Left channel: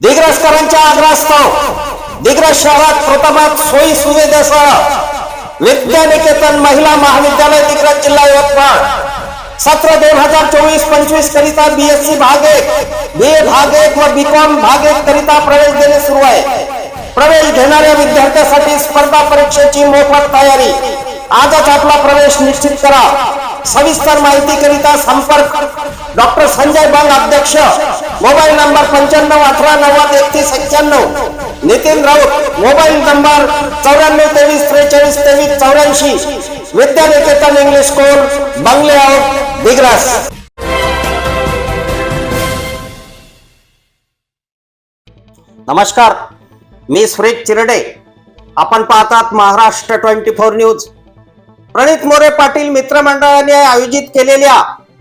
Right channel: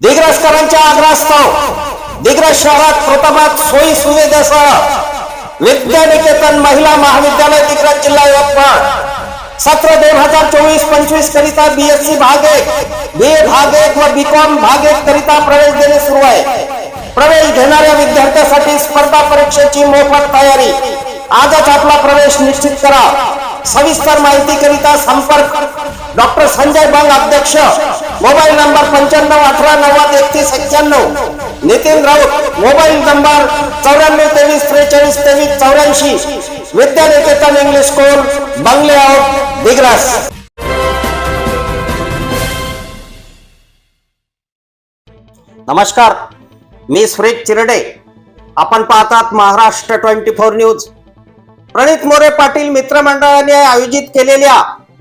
दिग्रसकरांच्या आग्रहास्तव दिग्रस शहरात प्रथमात सोयी सुविधेसह विद्यानिकेतन महिला महाविद्यालय दिग्रस जिल्हा यवतमाळ. सत्र दोन हजार चोवीस पंचवीस करिता बीएससी भाग एक बी ए भाग एक व बी कॉम भाग एक करिता प्रवेश देणे सुरू आहे. प्रवेश घेणाऱ्या विद्यार्थ्यांसाठी स्पर्धा परीक्षेची मोफत तयारी. आजच आपला प्रवेश निश्चित करा. सविस्तर माहिती करिता संपर्क. डॉक्टर संजय बंग अध्यक्ष. मोबाईल नंबर पंच्याण्णव अठरा नव्वद एकतीस एक्क्याण्णव. नितीन राऊत मोबाईल नंबर चौऱ्याण्णव तेवीस त्रेचाळीस तेवीस चौऱ्याऐंशी. विद्यानिकेतन इंग्लिश स्कूल बंगले आउट दिग्रास. नमस्कार. मी सुरेश चिरडे. आपण पाहतात Maharashtra twenty four news. Pranit More Patil मित्रमंडळाने आयोजित केलेल्या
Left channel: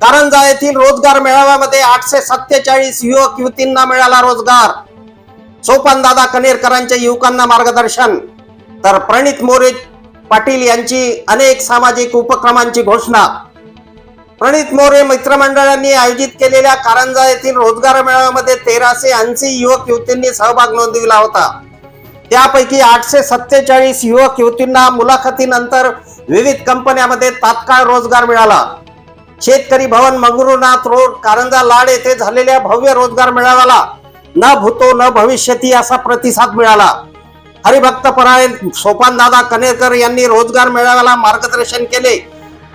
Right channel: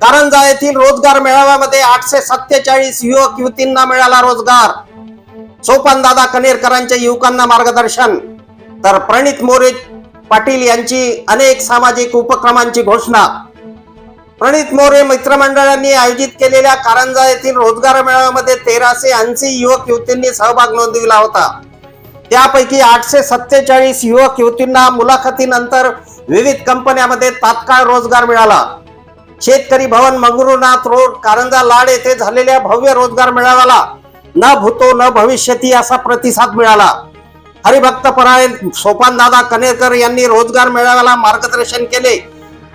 कारंजा येथील रोजगार मेळाव्यामध्ये आठशे सत्तेचाळीस युवक युवतींना मिळाला रोजगार. सोपान दादा कनेरकरांच्या युवकांना मार्गदर्शन. तर प्रणित मोरे पाटील यांची अनेक सामाजिक उपक्रमांची घोषणा. प्रणित मोरे मित्रमंडळांनी आयोजित केलेल्या कारंजा येथील रोजगार मेळाव्यामध्ये तेराशे ऐंशी युवक युवतींनी सहभाग नोंदविला होता. त्यापैकी आठशे सत्तेचाळीस युवक युवतींना मुलाखतीनंतर विविध कंपन्यांमध्ये तात्काळ रोजगार मिळाला. शेतकरी भवन मंगरुनाथ रोड कारंजा लाड येथे झालेल्या भव्य रोजगार मेळाव्याला न भूतो न भविष्यती असा प्रतिसाद मिळाला. हरिभक्त परायण सोपानदादा कनेरकर यांनी रोजगार मेळाव्याला मार्गदर्शन केले.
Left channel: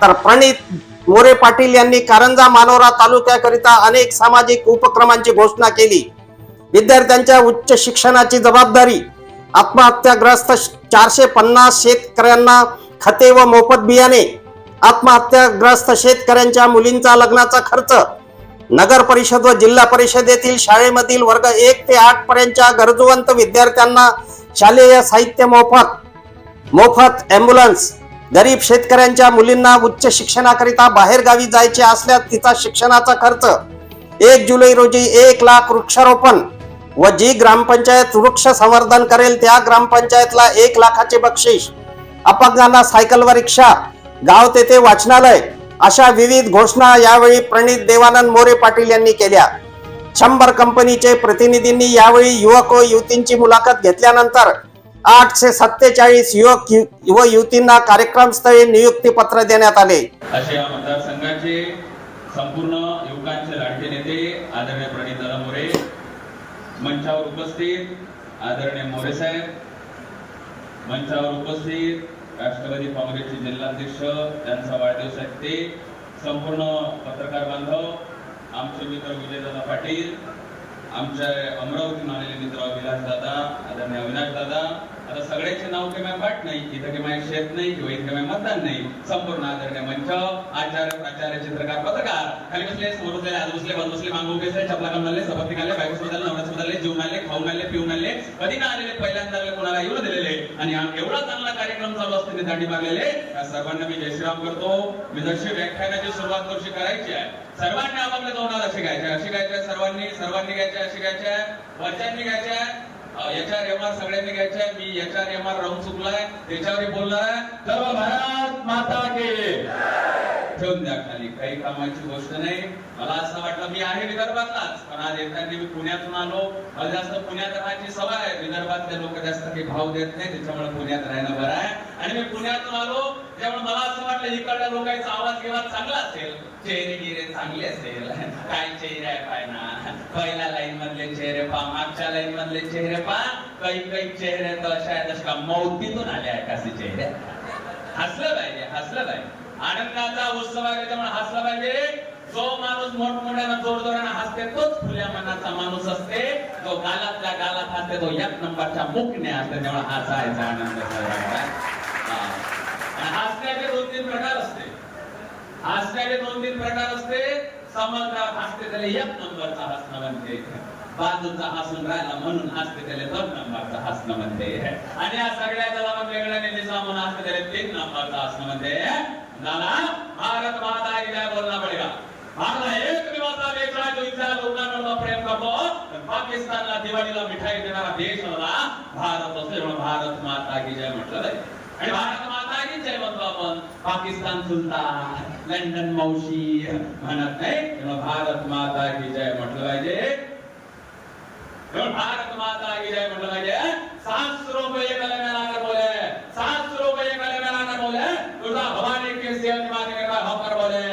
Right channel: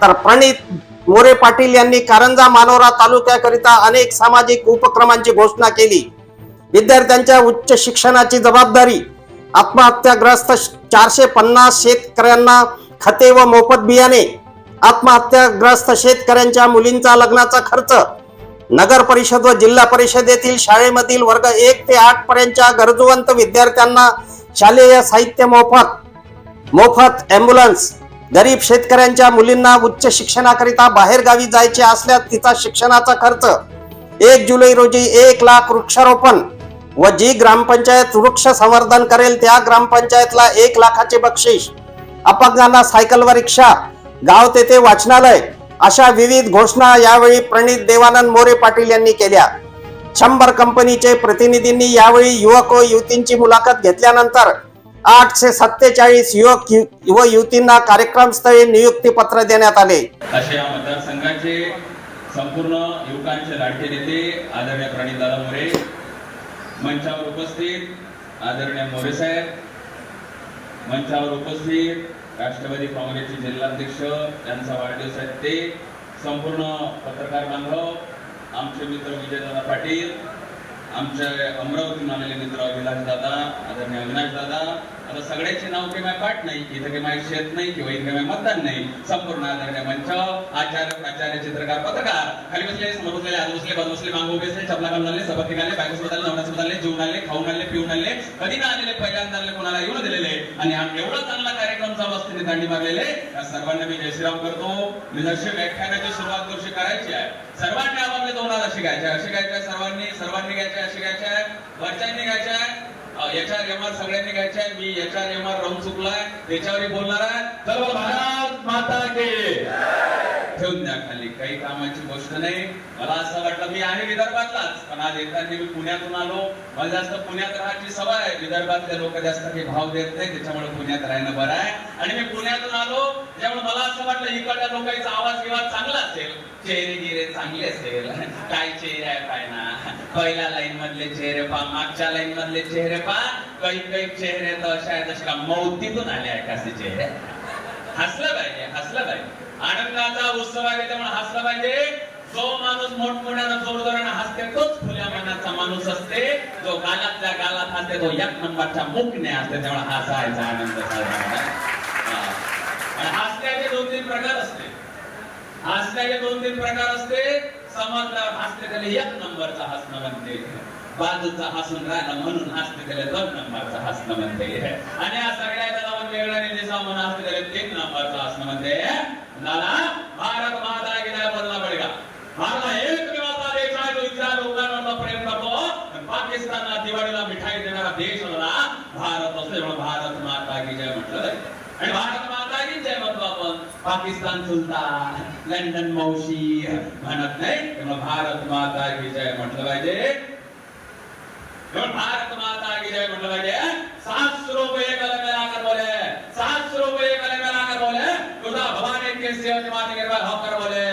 तर प्रणित मोरे पाटील यांनी कारंजा मानोरा तालुक्याकरिता अनेक सामाजिक उपक्रमांची घोषणा केली. विद्यार्थ्यांच्या उच्च शिक्षणाची जबाबदारी आत्महत्याग्रस्त चारशे पन्नास शेतकऱ्यांना खते व मोफत बियाणे आत्महत्याग्रस्त शेतकऱ्यांच्या मुलींचा लग्नाचा खर्च. नगर परिषद व जिल्हा परिषदेतील शाळेमधील वर्ग एक ते आठ पर्यंतच्या गरजवंत विद्यार्थ्यांना शालेय साहित्य मोफत मोफत ॲम्ब्युलन्स. गरीब शेतकऱ्यांच्या मुलींना उच्च शिक्षणाकरिता बाहेर गावी जायचे असल्यास तिचा शिक्षणाचा खर्च. एक जुलै रोजी एक लाख वृक्षारोपण. व जी ग्रामपंचायत वृक्ष संवर्धन करेल त्या ग्रामपंचायतला एक लाखाचे बक्षीस. अपंगांना सायकल व रिक्षा गाव तेथे वाचनालय अशा विविध घोषणा यावेळी प्रणित देवानंद मोरे पाटील यांनी केल्या. शंभर कंपनीचे प्रतिनिधींनी यावेळी युवक व युवतींची मुलाखत घेतल्यानंतर आठशे सत्तेचाळीस युवक व युवतींना कार्यक्रमस्थळी नियुक्ती पत्र देण्यात आले. मतदारसंघाचे संपूर्ण युवकांचे लाडके नेते आदरणीय प्रणितदादा मोरे मंचावर उपस्थित आदरणीय मोरे साहेब मंचावर उपस्थित राष्ट्रवादी काँग्रेसचे जिल्हाध्यक्ष त्यांचा वाढदिवस आहे ते संपूर्ण पत्रकार बांधव आमचे मित्र विजयदादा पाटील आमचे अमरावती आलेले मित्र अविनाश दादा आदरणीय अविनाश दादा. आता सगळ्याचे नाव काही माझ्या पाठ नाही इथं काही माझे शेत नाही किंवा इथं काही मतदान नाही. संपूर्ण आदरणीय मंच आचार्य प्राचार्य चित्रकार पत्रकार. खाली बसले समोर बसले आज बसले बाजू बसले मागू बसले चपला घालून आले सबक निघाले बायको सोबत नवरा सोबत आले जेवून आले खाऊन आले पिऊन आले कधी ना आलेले पहिल्यांदा आले कोणाला येऊन दिलेले. आणि एवढा चांगला कार्यक्रम चालू असताना दांडी मारलेले. त्या सर्वांना मी जयश्रीराम करतो. मी जशी व्याख्यानाची सुरुवात कशी करायची आहे. सर्वांनी आपापल्या तोंडाला शिकायचे आहे. शिकायचे आहे सर्वांनी. सर्वांनी घ्यायचे असे शिकायचे वरच्यांनी घ्यायचे याच्या याच्यावर एमआर सगळ्यांनी घ्यायचे मी याच्या एमआर राहून चुकलाय. त्याच्यावर बोलणार आहे. सर्व भारत माता के ठेवून द्या खाली. काही कामाची गोष्ट नाही. मला असं वाटलं मी आहे विदर्भातलाच. पण आज येताना मी पुण्यातून आलो. मला जास्त पुण्यात राहायची सवय आहे. विदर्भातले लोक जास्त काही भाव देत नाही. त्याच्यामुळे पुण्यात राहणं बरं आहे. आणि मी पुण्यातून आलो. त्यामुळे मला असं वाटलं इकडच्या लोकांचा आवाज किंवा चांगला असेल. चेहरे गिरे चांगले असेल. काय चेहरे आहे काय ना? पहिल्या लाईन मधले चेहरे पा मागच्या लाईन मधले चेहरे पा काही काही चेहरे तर अशा आहेत अशा मौतीतून आले आहेत असे चेहरे. हसलं पाहिजे हसलं पाहिजे. आनंदाचा उत्सव आहे त्यामुळे हसला पाहिजे. जो माणूस मोठमोठ्यानं जोरजोरानं हसते तोच खुल्या मनाचा माणूस असते. जो गालातल्या गालात हसते तो एक नंबरच्या मुखने असते त्यामुळे हसायचा आनंद आणि हसण्याचे दोन तीन प्रकार असते. हसण्याचे दोन तीन प्रकार असते. समजदार हसते त्याला एक नंबरचा हसणं म्हणते. बाजूचा हसून राहिला म्हणून हसते त्याला दोन नंबरचा हसणं म्हणते. आणि या सगळ्या त्याला म्हणजे वेळाने दिसा म्हणून हसते त्याला तीन नंबरचा हसणं म्हणते. दादा भारत माता की बोलला पडेगा भारत एक देवाचा देश तो इथल्या लोकांना प्रेम करतो. पाकिस्तानला दिवाळीला मिठाई देणारा देश होता. भारत असतो म्हणून भारत माता की जय म्हटलं आणि भारत माता की जय म्हणतो आपण. पाकिस्तान सुलतान लंडन मावशी म्हणत नाही भारत माता की जय म्हटलं पाहिजे. भारत माता की जय म्हटलं पाहिजे सात रुपये कलम लाकर बोले। सात रुपये कलम लाकर बोले। तुझा भवानी के सेवन माते के बाद होकर बोले।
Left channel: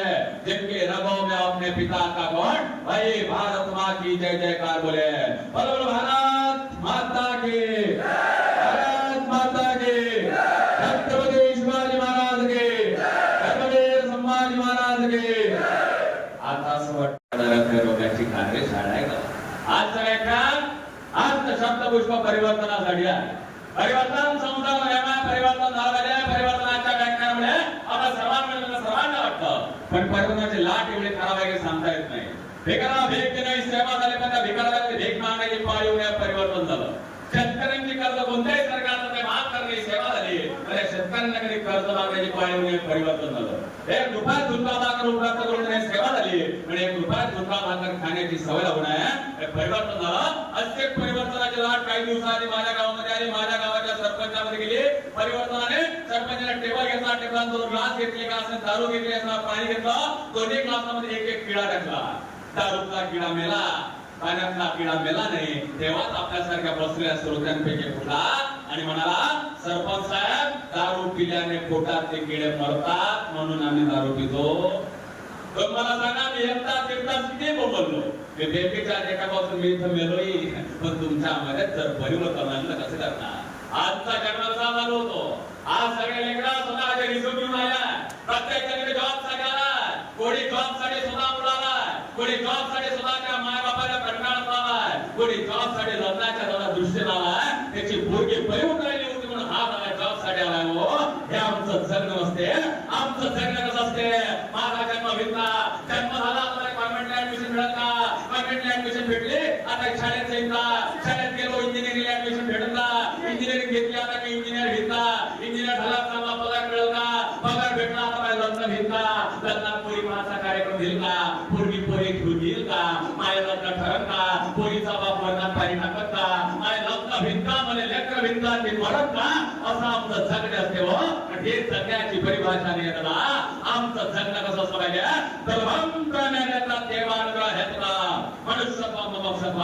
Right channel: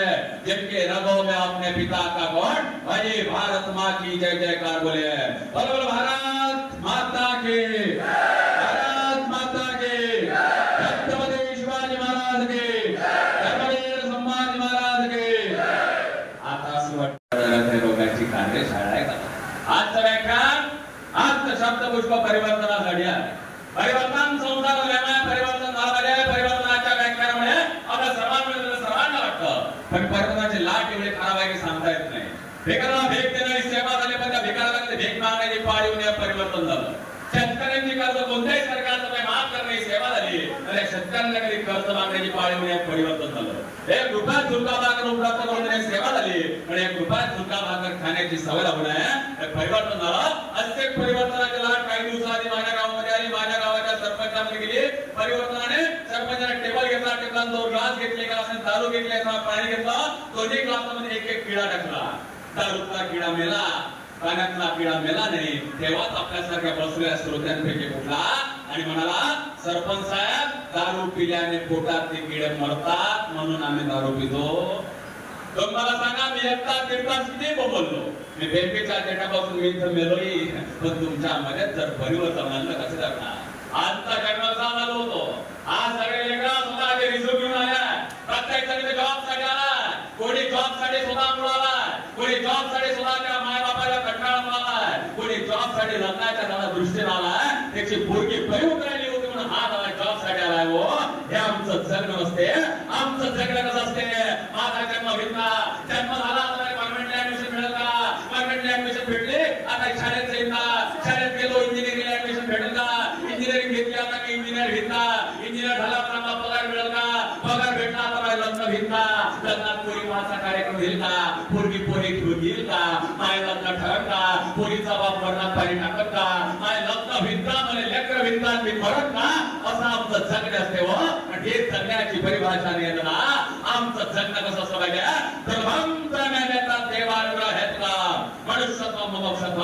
जिनके रबों में अपने पिता का गुण भाई भारत माँ की जय जयकार बोले। बोलो बोलो भारत माता की। भारत माता की। छत्रपति शिवाजी महाराज की। छत्रपति संभाजी महाराज की। आता असं वाटतं आज शब्दपुष्प परिवर्तनासाठी आहे. परिवर्तन संसार निर्माण परिवर्तन झालेले आहे. परिवर्तनाच्या व्याख्यानामुळे आता सर्वांना सर्वांना वाटतं. पण परिवर्तनाची लाट एवढी खराब आहे की सांगता येत नाही. भिकाला भेट देण्याची सेवा झाली पण त्या भिकाला कधी भीक मागण्याची पाळी होण्या परिवर्तन झालं शेतकऱ्यांची कर्ज कोणत्याही सरकारने माफ करण्याची सेवा झाली तर या शेतकऱ्यांना कधी मागण्याची पाळी होण्या परिवर्तन झालं. हे कृपा झुलका भाकर उपलब्ध करून देण्याची सेवा झाली. आणि कृपा झुलका भाकर खाण्याची सवय लागून आहे. परिवर्तन झालं. असे परिवर्तनाची लाट काही दिवसाआधी माझ्या गावामध्ये आली. माझ्या गावाच्या सरपंचामध्ये गेली. परिवर्तनाने सरपंचाने टेबल घेतला. टेबलांचा ग्लास घेतले का असेल दारू घेतले असेल पाणी घेतलं. दोन्ही ग्लासामध्ये एक एक किडा टाकला. दारूचा किडा मेला. पाण्यातला किडा मेला नाही. तेव्हाच आपल्यासारख्या बसलेल्या श्रोत्यांपैकी उठला आणि म्हणाला सरपंच साहेब पिल्याने पोटातले किडे मरतात म्हणून आम्ही दारू पितो. तर मला सांगा मी एकटा तिरता किती बोललो. मी बेंबीच्या जगापासून मी इथं मेलोय. पण तुमच्या मध्ये जर परिवर्तन आणलं कसं करणार? आजचा जर्नल चालू होतो. आज सगळे वेगळा स्वतः रिझ्यूम घेऊन आल्या. प्रत्येक जण जॉबसाठी आला कोणी जॉबसाठी स्वतः बोलाला कोणी जॉबसाठी स्वतःच्या माय बापाला कंटाळा आलाय कोणी जॉबसाठी लग्नाच्या जरा दृष्टीने आलाय. त्याची पोरगी परिवर्तन होती म्हणून हा हे आमचं जगणं नसते आमचं जगणं असते. माझा जन्म घेतला जन्म झाला तर कॉन्व्हेंटला ऍडमिशन का ऍडमिशन भेटले आता शाळेत शाळेत गेलो इंजिनिअरिंगला ऍडमिशन भेटेल का इंजिनिअरिंग घेतली आता मी इंजिनियर घेतला. इंजिनियर झाला चांगला पगार मिळेल का पगार भेटला आता लग्न घेतला लग्नात पोरी माझा कार्यक्रम घेतला पोरगी पोरी घेऊन घेईल का माझ्या लग्न पोरीचा बाप मरणात पाणी टाकत का माझ्या लग्न भिंता मला लेकर भिंता मी परत का असं आमचं जगणे असते हो. आणि हे जगण्याची परिभाषा नाही येत ना आमचं जगणं कसं असं पाहिजे सर्वं प्रज्ञानेता देवानुग्रह घेतला. मनुष्यत्व ममोक्षत्व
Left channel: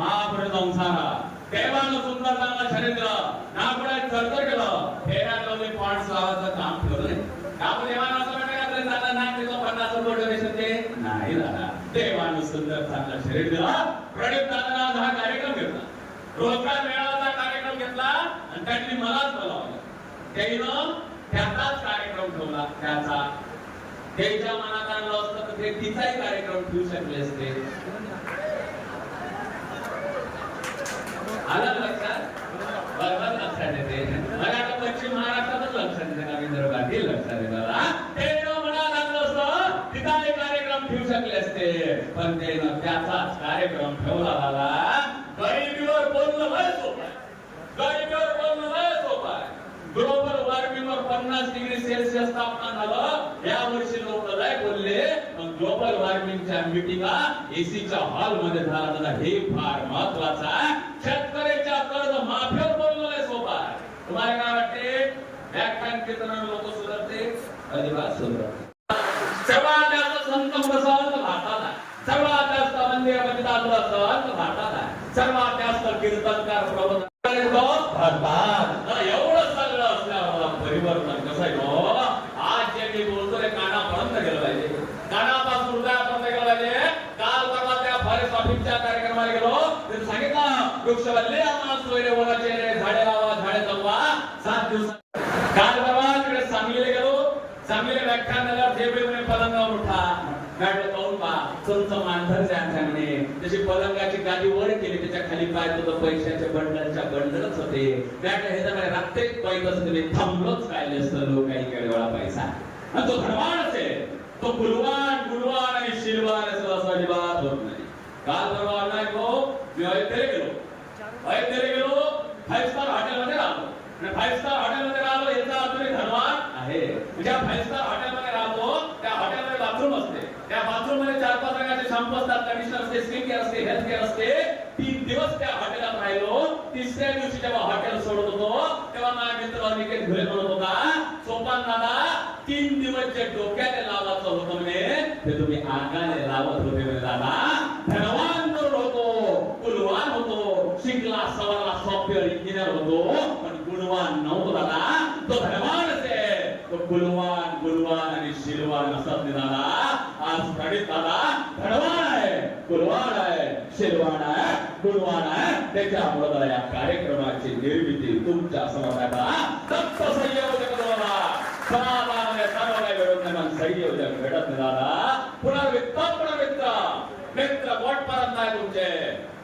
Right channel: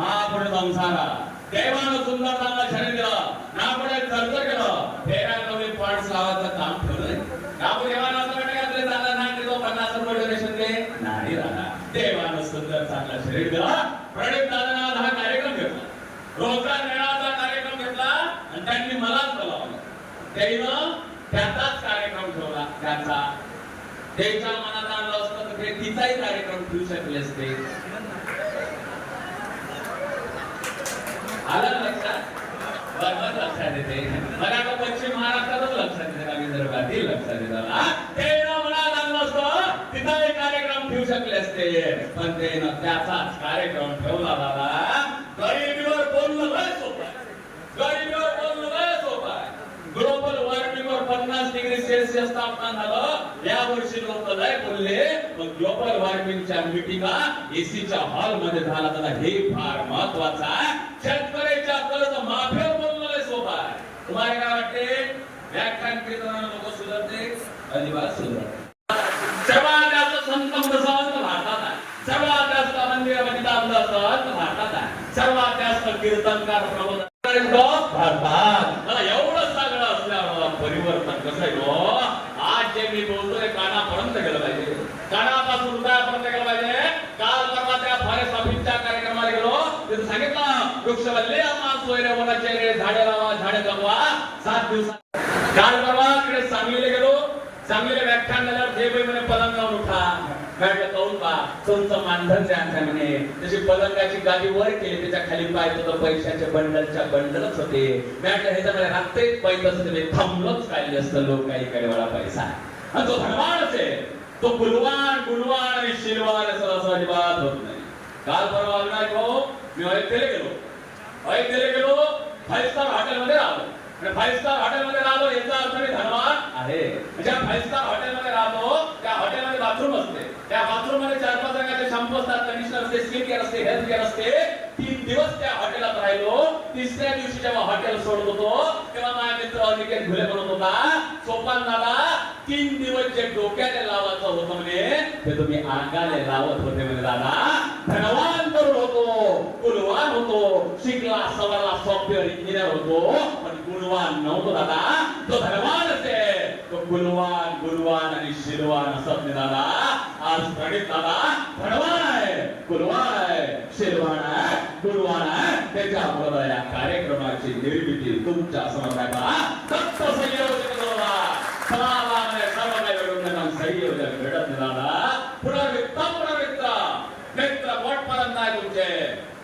हा पुढे संसारा. देवानं सुंदर चांगला शरीर दिलं. ना पुढे तरतर केलं. फेऱ्यामध्ये पॉईंट लावायचं काम ठेवलंय काबू देवानं असं वाटतं आपले चांगला नाक देतो पन्नास रुपये डोनेशन दे? नाही राहणार. देवानं सुंदर चांगला शरीर दिला. प्रणित दादा हा कार्यक्रम घेतला. रोजगार मेळावाचा कार्यक्रम घेतला. आणि त्यांनी मलाच बोलावलं त्यानं त्याचाच कार्यक्रम ठेवला त्याचा. त्यांच्या मनात आणलं असतं तर ते तिचाही कार्यक्रम ठेवू शकले असते. आलं लक्षात? बरोबर लक्षात येते. मला आता पश्चिम महाराष्ट्रातच लक्षात येते का विदर्भातही लक्षात येतात ते न मनात आणलं असतं तिथं एक कार्यक्रम ठेवू शकले असते पण ते न त्याचाच कार्यक्रम ठेवला बाबा गरिबीवर बोलणं लय सोपं आहे गरिबीवर बोलणं लय सोपं आहे ग्लोबल वॉर्मिंगवर पन्नास डिग्री सेल्सिअस तापमान झालं या वर्षी लोक लय बोलले पण ग्लोबल वॉर्मिंगच्या मिटिंगा एसीच्या हॉलमध्ये झाला त्याला हे फार महत्वाचं. आहे शेतकऱ्याच्या कर्ज माफीवर बोललेलं सोबत. तुम्हाला काय वाटते? व्याख्यान कीर्तनानं लोक सुधारते. अजिबात सुधारते. सर्वात जास्त संत संत भारतात आहे. सर्वात जास्त मंदिरामध्ये म्हणजे दाखला संत भारतात आहे. सर्वात जास्त कीर्तनकार प्रबोधन भारतात. एवढं सगळं असल्यामुळं परिवर्तन कसं आहे हो? आज जे मी बोलतोय कानापर्यंत गेलं पाहिजे कानापासून उदयापर्यंत गेलं पाहिजे काल परवा त्या फॉरेस्ट ऑफिसच्या कार्यक्रमाला गेलो तिथे सांगितलं वृक्षवल्ले आम्हा सोयरे वनाचे झाडे लावा झाडे जगवा सात दिवसात काल परवा तिकडे सांगलीला गेलो सांगलीला व्याख्यान झाल्यावर जे बाई म्हणे पलंगावर उठा गाडीला काऊन पा तुमचं मानधनचे अंगठा म्हणे तशी पलंगाची गादी वर केली त्याच्याखाली पाय तुझं पैशाच्या बंडलच्या बंडलच होते मॅटलं सगळं रात्रीत पैत असते मी थांबलोच काढले असतं लोक काही काही वेळा पैसा आणि तो धडवाणच आहे तो गुलवान गुलवान आणि शिलवान असं असं अजिबात होत नाही काल परवा अविनाश भाऊ मी अयोध्येला गेलो. अयोध्येला गेलो फाईव्ह स्टार हॉटेलमध्ये आणि फाईव्ह स्टार हॉटेलमध्ये राहलो याचा अर्थ मी धनवान। आहे ज्या फाईव्ह स्टार हॉटेलमध्ये राहतो त्या हॉटेलमध्ये बाथरूम असते। त्या बाथरूममध्ये चार पाच रंगाचे शॅम्पू असतात कंडिशनर असते स्किन केअर असते हेल्थ केअर असते तीन दिवस त्या हॉटेलात राहिलो तिसऱ्या दिवशी जेव्हा हॉटेल सोडत होतो तेव्हा माझा मित्र अनिकेत घुले म्हणत होता सोपान दादा तीन दिवस जे डोक्याने लावायचं होतं म्हणे ते तुम्ही अंगाने लावत होते म्हणे दादा. धनवान गुणवान होतो शिकला सवाला सॉफ्टवेअर इंजिनियर होतो पण गुणवान नव्हतो दादा तो धनवान असे तो गुणवान गुणवान आणि शिलवान असत नाही दादा आज प्रणित दादा धनवान आहे गुणवान आहे शिलवान आहे गुणवान आहे त्याच्यामुळे मला या कार्यक्रमाची निर्मिती तुमच्यासमोर आहे दादा दत्त संयोजक दादा सर्व काही नाही दादा पुनर्वित्त पुनर्वित्त मित्र पोटपर्यंत आहे तुमचे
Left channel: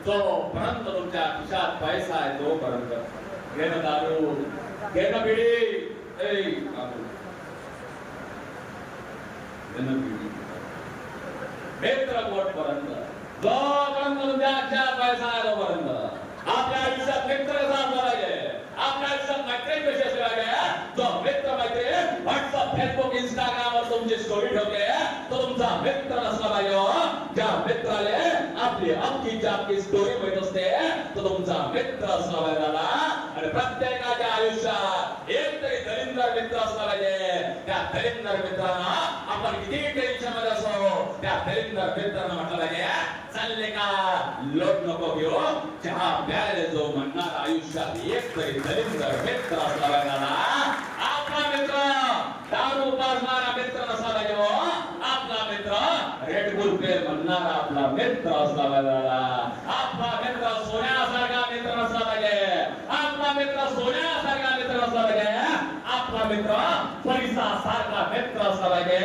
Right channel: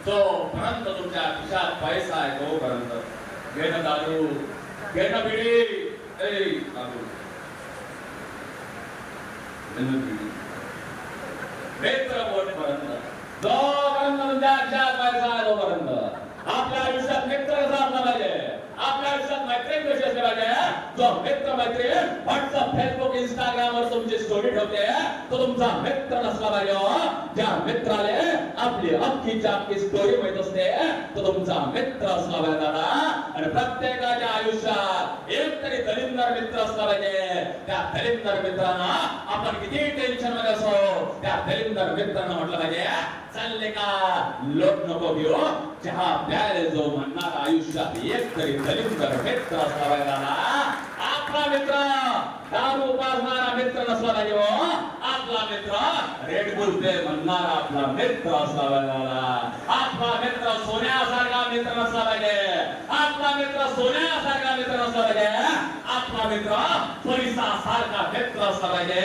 जोपर्यंत तुमच्या खिशात पैसा आहे तोपर्यंत. घे ना दारू. घे ना बिडी ए दारू. घे ना बिडी मित्र पोटपर्यंत. जोपर्यंत तुमच्या खिशात पैसा आहे तोपर्यंत. आपल्या आयुष्यात नेत्र कसा असला पाहिजे. आपल्या आयुष्यात मैत्रीण कशी असली पाहिजे तो मित्र मैत्रीण. व्हॉट्सअप फेसबुक इंस्टाग्राम वर तुमची स्टोरी ठेवते तो तुमचा मित्र नसला पाहिजे हो? ज्या मित्राले आपली अख्खीची अख्खी स्टोरी माहीत असते तो तुमचा मित्र असला पाहिजे आणि प्रत्येकाच्या आयुष्यात एक तरी दलिंदर मित्र असला पाहिजे. त्या दलिंदर मित्रांना आपण किती टेन्शनमध्ये असो त्या दलिंदर मित्रांना म्हटलं पाहिजे चालले का? लोक नको घेऊ चहा प्यायला जो म्हणणार आयुष्यात एक तरी दलित मित्र असावा पाहिजे दादा आपला मित्र दारू पाजणारा मित्र नसला पाहिजे हो? आपला मित्र रेडबुल पे म्हणणारा आपला मित्र असावा पाहिजे हो? आपला मित्र सोन्यासारखा मित्र नसला पाहिजे. आपला मित्र सोन्यासारखा मित्र नसला पाहिजे. आपला मित्र पैसासारखा मित्र असला पाहिजे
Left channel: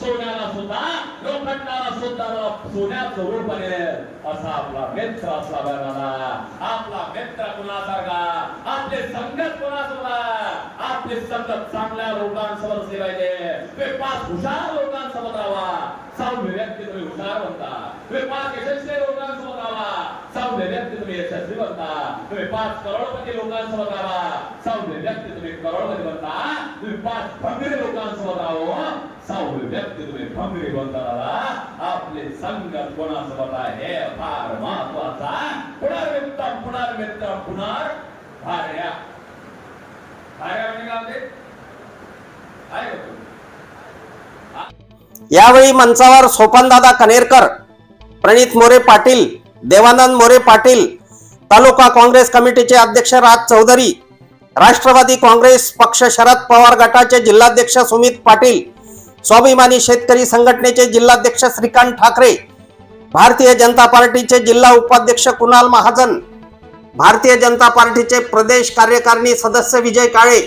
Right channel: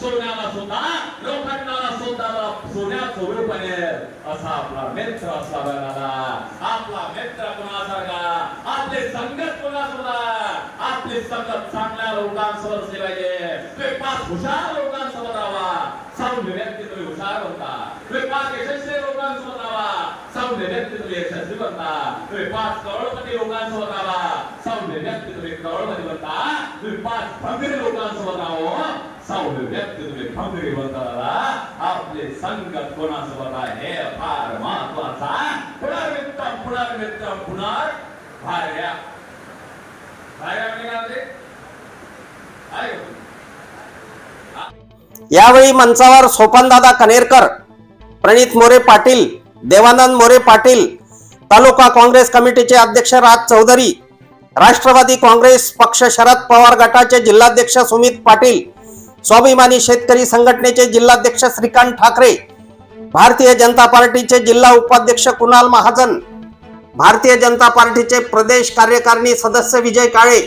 सोन्याला सुद्धा लोखंडाला सुद्धा सोन्याचं रूप आहे. असा आपला मित्र असला पाहिजे दादा. आपला मित्र कुणासारखा? आपले संगत कुणासोबत? आपले संगत चांगल्या लोकांसोबत असली पाहिजे. तुम्ही पाच हुशार लोकांसोबत राहा सौम्य तुम्ही पाच यशस्वी लोकांसोबत राहा सौम्य व्यक्ती तुम्ही यशस्वी बनता तुम्ही पाच करोडपती लोकांसोबत राहा सौम्य व्यक्ती तुम्ही करोडपती बनता तुम्ही पाच भंगरी लोकांसोबत राहो सौम्य व्यक्ती तुम्ही भंगरी बनता दादा आपले संगत कोणासोबत आहे हे फार महत्त्वाचा पुनर्मित्रम पुनर्मित्रम पुनर भार्या भार्या म्हणजे काय होते आहे का? यावेळी मंचावर सोपानदादा कनेरकर प्रणित मोरे पाटील देवानंद मोरे पाटील तालुका काँग्रेस कमिटीचे अध्यक्ष राज चौधरी राष्ट्रवादी काँग्रेस पक्ष शरद पवार गटाचे जिल्हाध्यक्ष सुमित पाटील स्वाभिमानी शेतकरी संघटनेचे जिल्हाध्यक्ष श्रीकांत ठाकरे भारतीय जनता पार्टीचे जिल्हा उपाध्यक्ष कुणाल महाजन भारतीय जनता पार्टीचे प्रदेश कार्यकारिणी सदस्य विजय काळे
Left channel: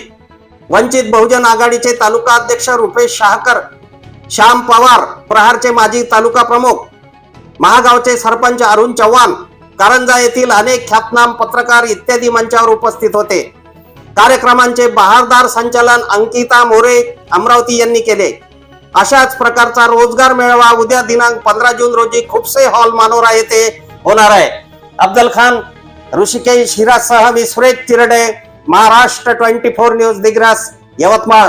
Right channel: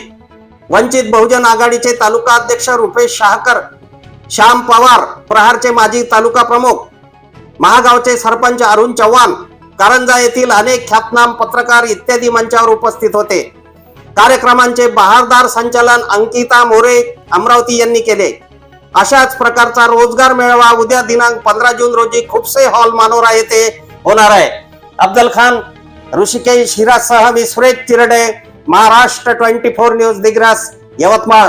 वंचित बहुजन आघाडीचे तालुका अध्यक्ष रुपेश शाहकर श्याम पवार प्रहारचे माजी तालुका प्रमुख महागावचे सरपंच अरुण चव्हाण कारंजा येथील अनेक ख्यातनाम पत्रकार इत्यादी मंचावर उपस्थित होते. कार्यक्रमांचे बहारदार संचालन अंकिता मोरे अमरावती यांनी केले. अशाच प्रकारचा रोजगार मेळावा उद्या दिनांक पंधरा जून रोजी खुपसे हॉल मानोरा येथे होणार आहे. अब्दल खान ऋषिकेश हिरासह मी Suresh Tirde Maharashtra twenty four news Digras Yavatmal.